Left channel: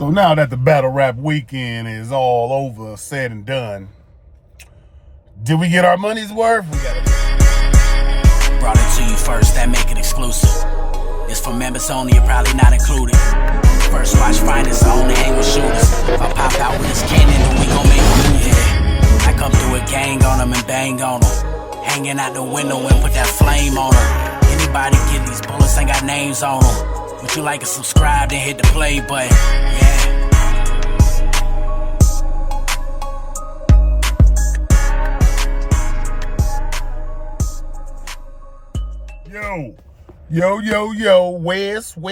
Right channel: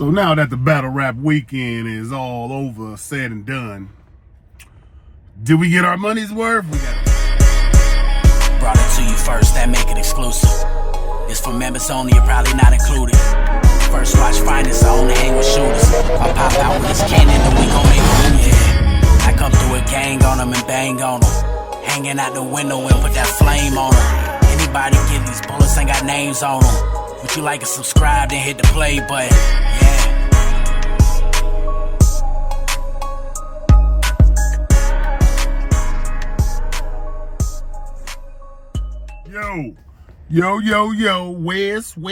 So now that the battle rap weekend is all over, said and done, did we get our money's worth? We got it. Brought it to you first, that make it exclusive. It's for members only, you're probably not included. First watch finest, I only hang with shooters. If I pop out with this cannon, then we gon' make a move. Yeah, I come through a gang on them and bang on them. Hanging out the window and put that flame on them. Anybody get these bullets ain't got names on them. Would you like to subscribe, then hit the play button? Yeah. Yo, West. And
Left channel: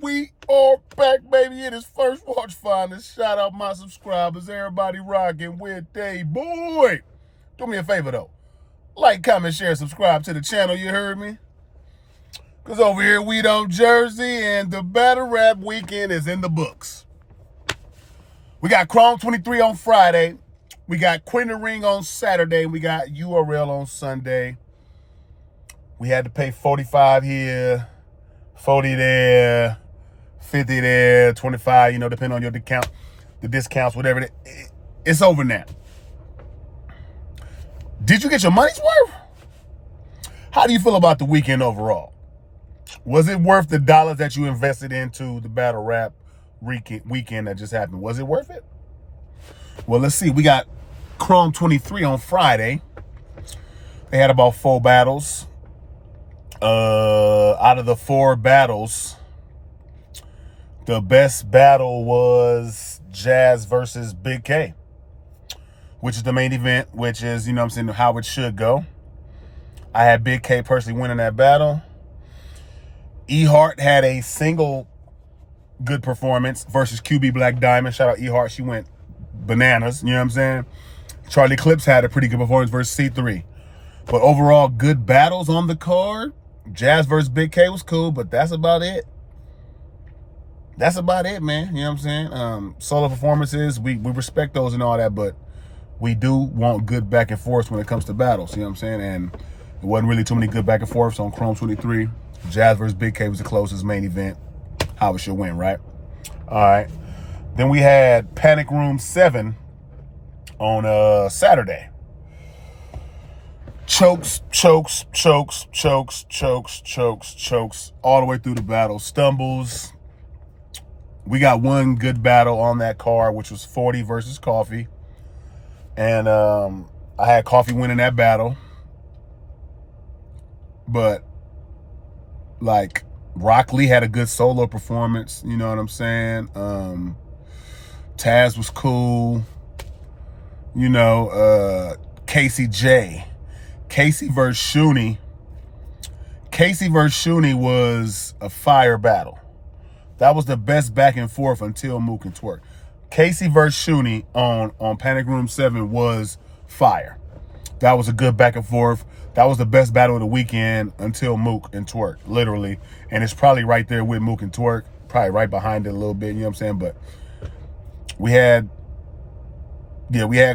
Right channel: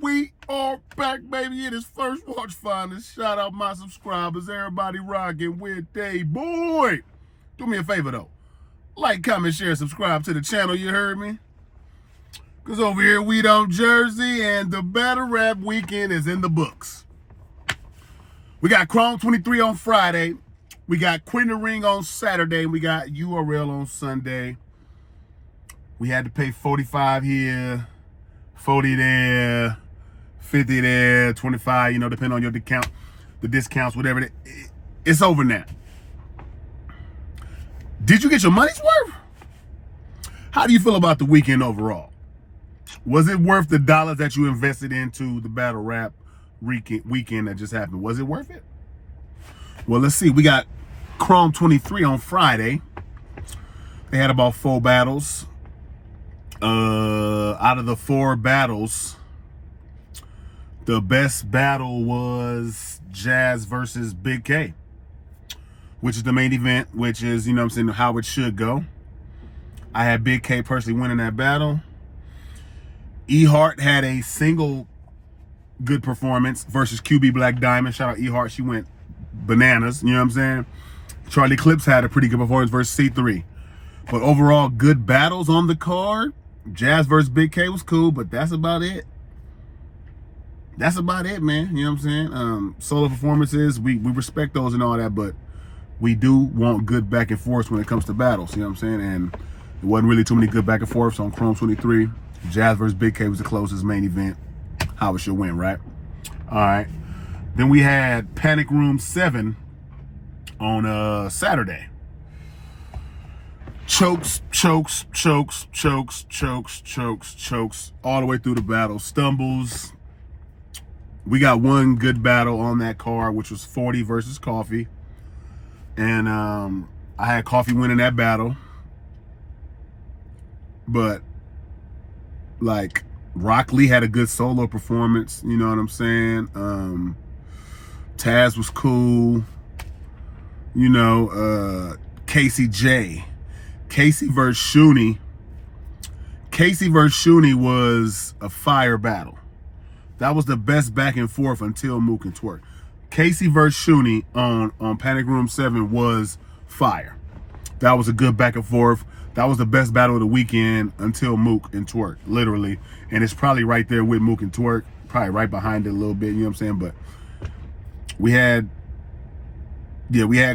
we are back, baby. It is First Watch Finest. Shout out my subscribers. Everybody rocking with they boy. Do me a favor, though. Like, comment, share, subscribe to the channel, you heard me? Because over here, we don't Jersey, and the battle rap weekend is in the books. We got Chrome 23 on Friday. We got Quentin Ring on Saturday. We got URL on Sunday. We had to pay 45 here, 40 there, 50 there, 25, depending on your the discounts, whatever. It's over now. Did you get your money's worth? How do you feel about the weekend overall? Was it worth the dollars that you invested into the battle rap weekend that just happened? Was it worth it? Well, let's see. We got Chrome 23 on Friday. They had about 4 battles. Out of the 4 battles, the best battle was Jazz versus Big K, which is the main event, which is, how it should go. I had Big K personally winning that battle. E-Heart had a single good performance versus QB Black Diamond. Shout out E-Heart. She went bananas. You know what I'm saying? Charlie Clips had a pretty good performance versus C3. But overall, good battles on the card. Jazz versus Big K was cool, but that's about it. That's about it, man. You know what I'm saying? Solo performances, we respect those and all that, but we do want good back and forth when it comes to battles. You know what I'm saying? And it wasn't really too many good back and forths on Chrome 23. Jazz versus Big K was the closest main event. How it should win, right? All right. Then we had Panic Room 7 on Saturday. Chokes all the way through the battle. Stumbles. We got one good battle on that card, which was 40 versus Coffee. And I had Coffee winning that battle. But, Rock Lee had a good solo performance. You know what I'm saying? Taz was cool. Casey J. Casey versus Shuni. Casey versus Shuni was a fire battle. That was the best back and forth until Mook and Twerk. Casey versus Shuni on Panic Room 7 was fire. That was a good back and forth. That was the best battle of the weekend until Mook and Twerk, literally. And it's probably right there with Mook and Twerk, probably right behind it a little bit, you know what I'm saying? But we had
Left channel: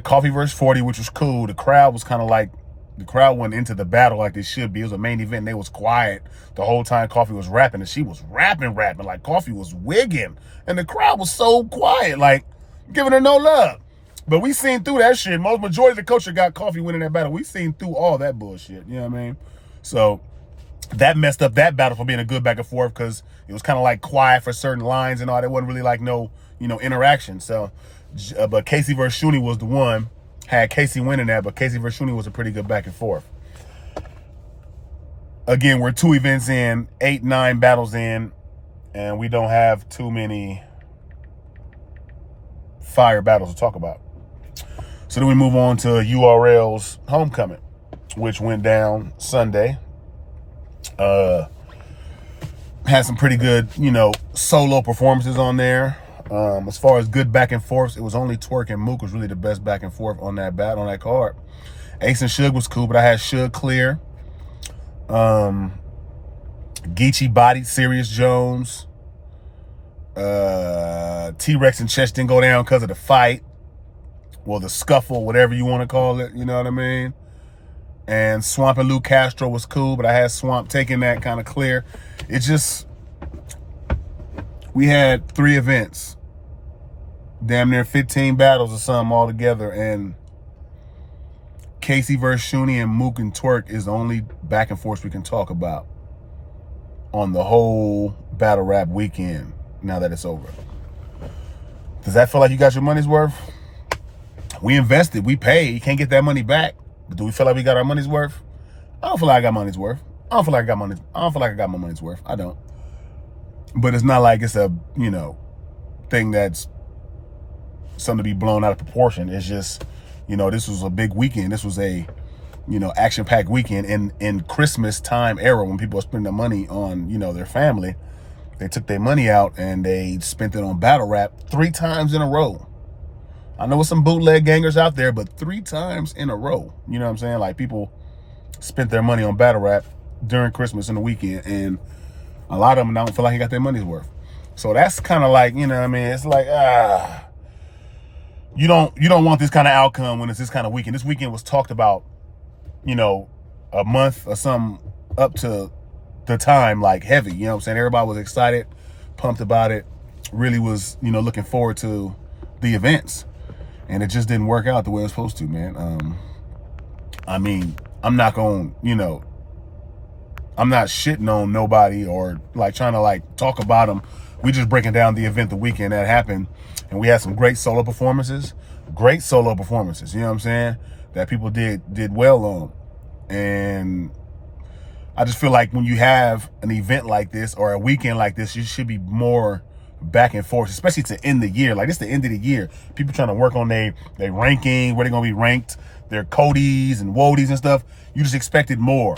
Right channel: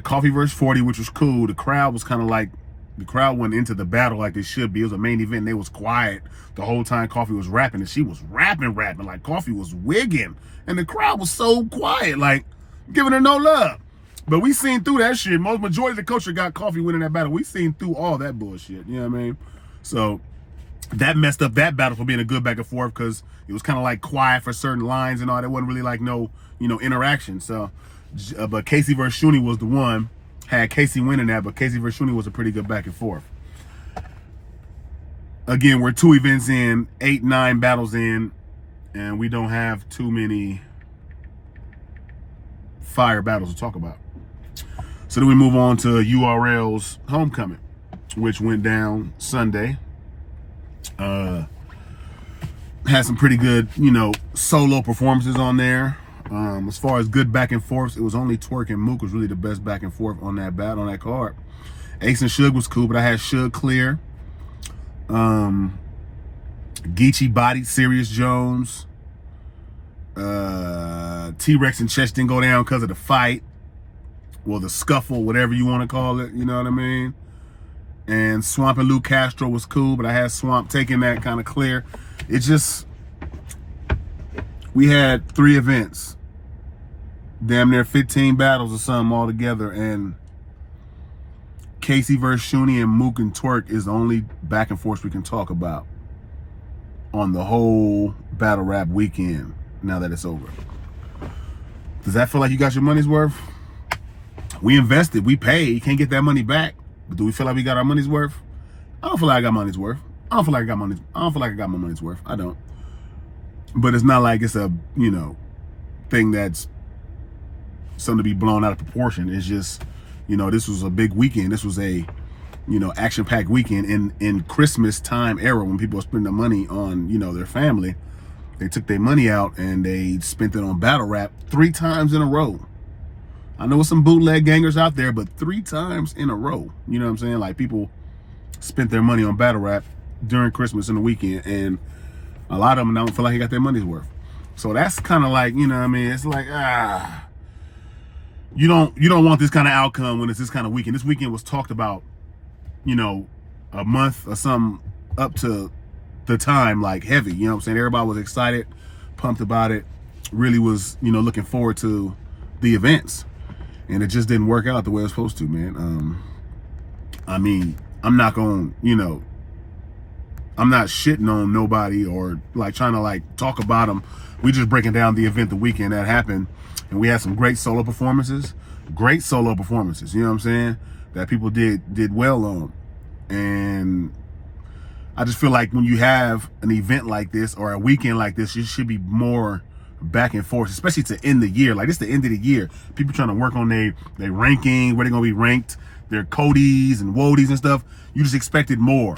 Coffee versus 40, which was cool. The crowd was kind of the crowd went into the battle like they should be. It was a main event, and they was quiet the whole time Coffee was rapping, and she was rapping. Like, Coffee was wigging, and the crowd was so quiet, giving her no love. But we seen through that shit. Majority of the culture got Coffee winning that battle. We seen through all that bullshit, you know what I mean? So that messed up that battle for being a good back and forth because it was kind of quiet for certain lines and all. There wasn't really no, interaction. So, but Casey versus Shuni was the one. Had Casey winning that, but Casey versus Shuni was a pretty good back and forth. Again, we're 2 events in, 8, 9 battles in, and we don't have too many fire battles to talk about. So then we move on to URL's Homecoming, which went down Sunday. Had some pretty good, solo performances on there. As far as good back and forths, it was only Twerk and Mook was really the best back and forth on that card. Ace and Suge was cool, but I had Suge clear. Geechee bodied Serious Jones. T-Rex and Chess didn't go down because of the fight. Well, the scuffle, whatever you want to call it, you know what I mean? And Swamp and Lou Castro was cool, but I had Swamp taking that kind of clear. It just, we had 3 events, damn near 15 battles or something all together, and Casey versus Shuni and Mook and Twerk is the only back and forth we can talk about on the whole battle rap weekend now that it's over. Does that feel like you got your money's worth? We invested, we paid, you can't get that money back. But do we feel like we got our money's worth? I don't feel like I got money's worth. I don't feel like I got my money's worth. I don't. But it's not like it's a, thing that's something to be blown out of proportion. It's just, this was a big weekend. This was a, action-packed weekend in Christmas time era when people are spending their money on, their family. They took their money out and they spent it on battle rap 3 times in a row. I know some bootleg gangers out there, but 3 times in a row. You know what I'm saying? Like, people spent their money on battle rap during Christmas and the weekend, and a lot of them don't feel like they got their money's worth. So that's kind of like, it's like, you don't want this kind of outcome when it's this kind of weekend. This weekend was talked about, a month or something up to the time, like heavy, you know what I'm saying? Everybody was excited, pumped about it, really was, looking forward to the events. And it just didn't work out the way it was supposed to, man. I'm not going, I'm not shitting on nobody or like trying to like talk about them. We just breaking down the event, the weekend that happened. And we had some great solo performances, you know what I'm saying? That people did well on. And I just feel like when you have an event like this or a weekend like this, you should be more back and forth, especially to end the year. Like, it's the end of the year. People trying to work on their ranking, where they're going to be ranked, their Codys and Wodies and stuff. You just expected more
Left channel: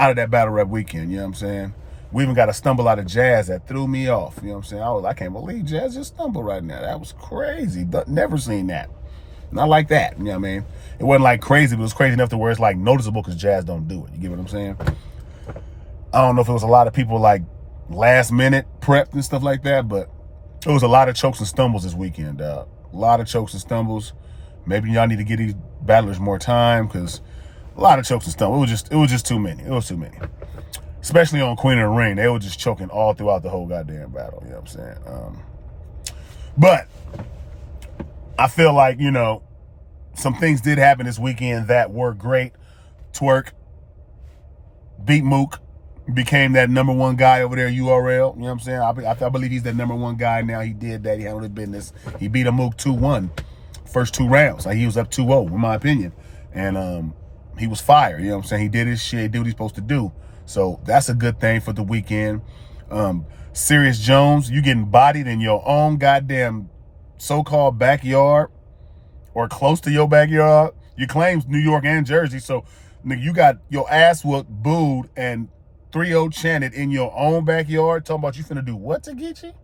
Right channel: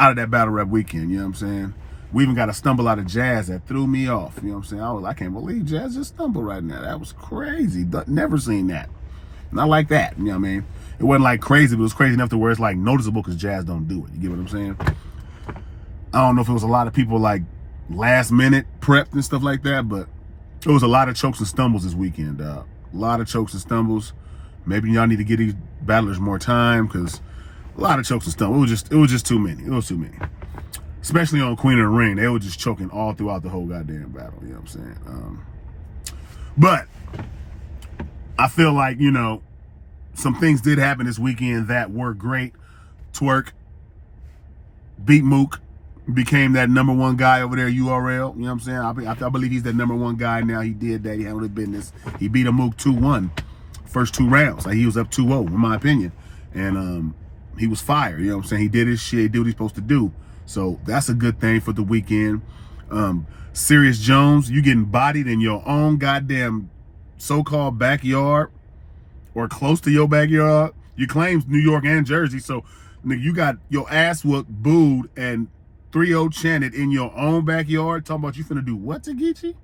out of that battle rap weekend, you know what I'm saying? We even got a stumble out of Jazz that threw me off, you know what I'm saying? I can't believe Jazz just stumbled right now. That was crazy. Never seen that. Not like that, you know what I mean? It wasn't like crazy, but it was crazy enough to where it's like noticeable because Jazz don't do it. You get what I'm saying? I don't know if it was a lot of people like last minute prepped and stuff like that, but it was a lot of chokes and stumbles this weekend, dog. A lot of chokes and stumbles. Maybe y'all need to give these battlers more time because a lot of chokes and stumbles. It was just too many. It was too many. Especially on Queen of the Ring. They were just choking all throughout the whole goddamn battle. You know what I'm saying? But I feel like, some things did happen this weekend that were great. Twerk beat Mook, became that #1 guy over there, URL. You know what I'm saying? I believe he's that #1 guy now. He did that. He handled business. He beat a Mook 2-1. First 2 rounds. Like, he was up 2-0, in my opinion. And he was fire. You know what I'm saying? He did his shit. He did what he's supposed to do. So that's a good thing for the weekend. Serious Jones, you getting bodied in your own goddamn so-called backyard or close to your backyard. You claim New York and Jersey, so nigga, you got your ass whooped, booed, and 3-0 chanted in your own backyard. Talking about you finna do what to Geechee?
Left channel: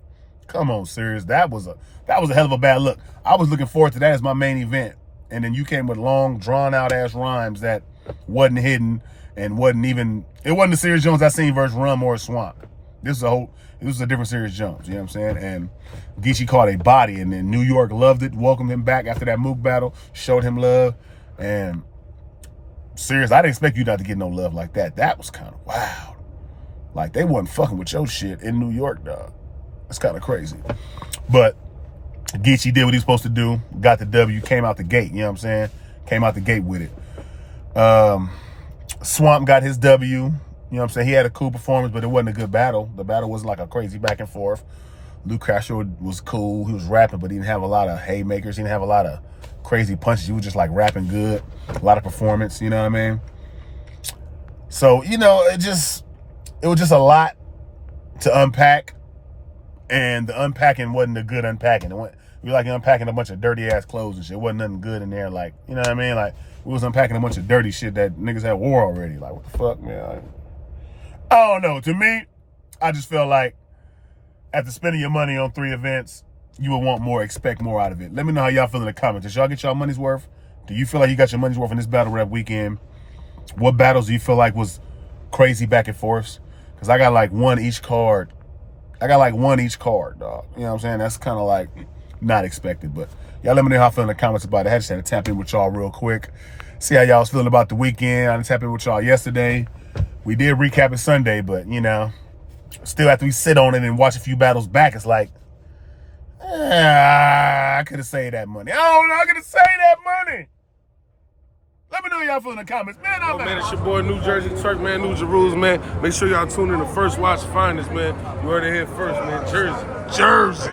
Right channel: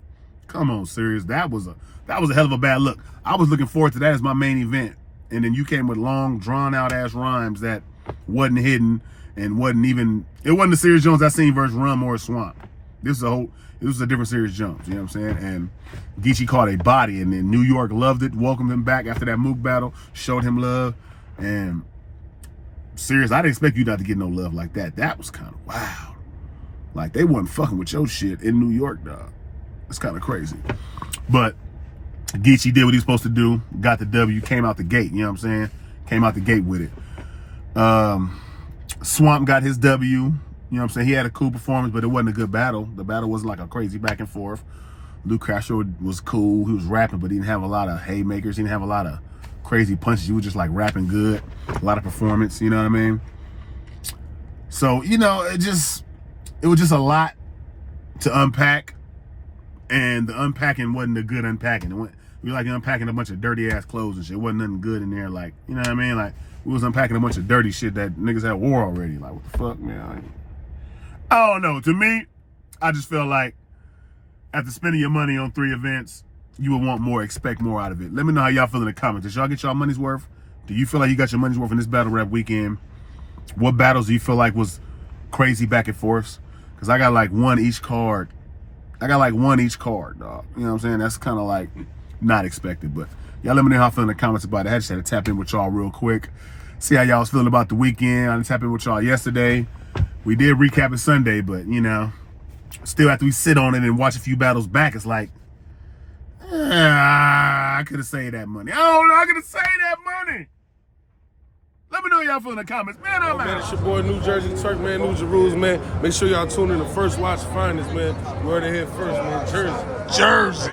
Come on, Serious. That was a hell of a bad look. I was looking forward to that as my main event, and then you came with long, drawn-out ass rhymes that wasn't hidden and it wasn't the Serious Jones I seen versus Rum or Swamp. This was a different Serious Jones, you know what I'm saying? And Geechee caught a body, and then New York loved it, welcomed him back after that Mook battle, showed him love. And Serious, I didn't expect you not to get no love like that. That was kind of wild. Like, they wasn't fucking with your shit in New York, dog. It's kind of crazy. But Geechee did what he was supposed to do, got the W, came out the gate, you know what I'm saying? Came out the gate with it. Swamp got his W, you know what I'm saying? He had a cool performance, but it wasn't a good battle. The battle wasn't like a crazy back and forth. Luke Castro was cool. He was rapping, but he didn't have a lot of haymakers. He didn't have a lot of crazy punches. He was just like rapping good. A lot of performance, you know what I mean? So, it was just a lot to unpack. And the unpacking wasn't a good unpacking. It went, we like unpacking a bunch of dirty ass clothes and shit. Wasn't nothing good in there. Like, you know what I mean? Like, we was unpacking a bunch of dirty shit that niggas had wore already. Like, what the fuck, man? Like, I don't know. To me, I just feel like after spending your money on 3 events, you would want more, expect more out of it. Let me know how y'all feel in the comments. Did y'all get y'all money's worth? Do you feel like you got your money's worth in this battle rap weekend? What battles do you feel like was crazy back and forths? Because I got like one each card. Dog. You know what I'm saying? That's kind of like not expected. But y'all let me know how I feel in the comments about it. I just had to tap in with y'all real quick. See how y'all was feeling about the weekend. I tapped in with y'all yesterday. We did recap it Sunday, but Still, after we sit on it and watch a few battles back, it's like, I could have saved that money. I don't know. I could have saved that money. Let me know y'all feel in the comments. Man, I'm out. Man, it's your boy, New Jersey Turk, man, New Jerusalem, man. Make sure y'all tune in to First Watch Finest, man. You heard it here first, man. Jersey.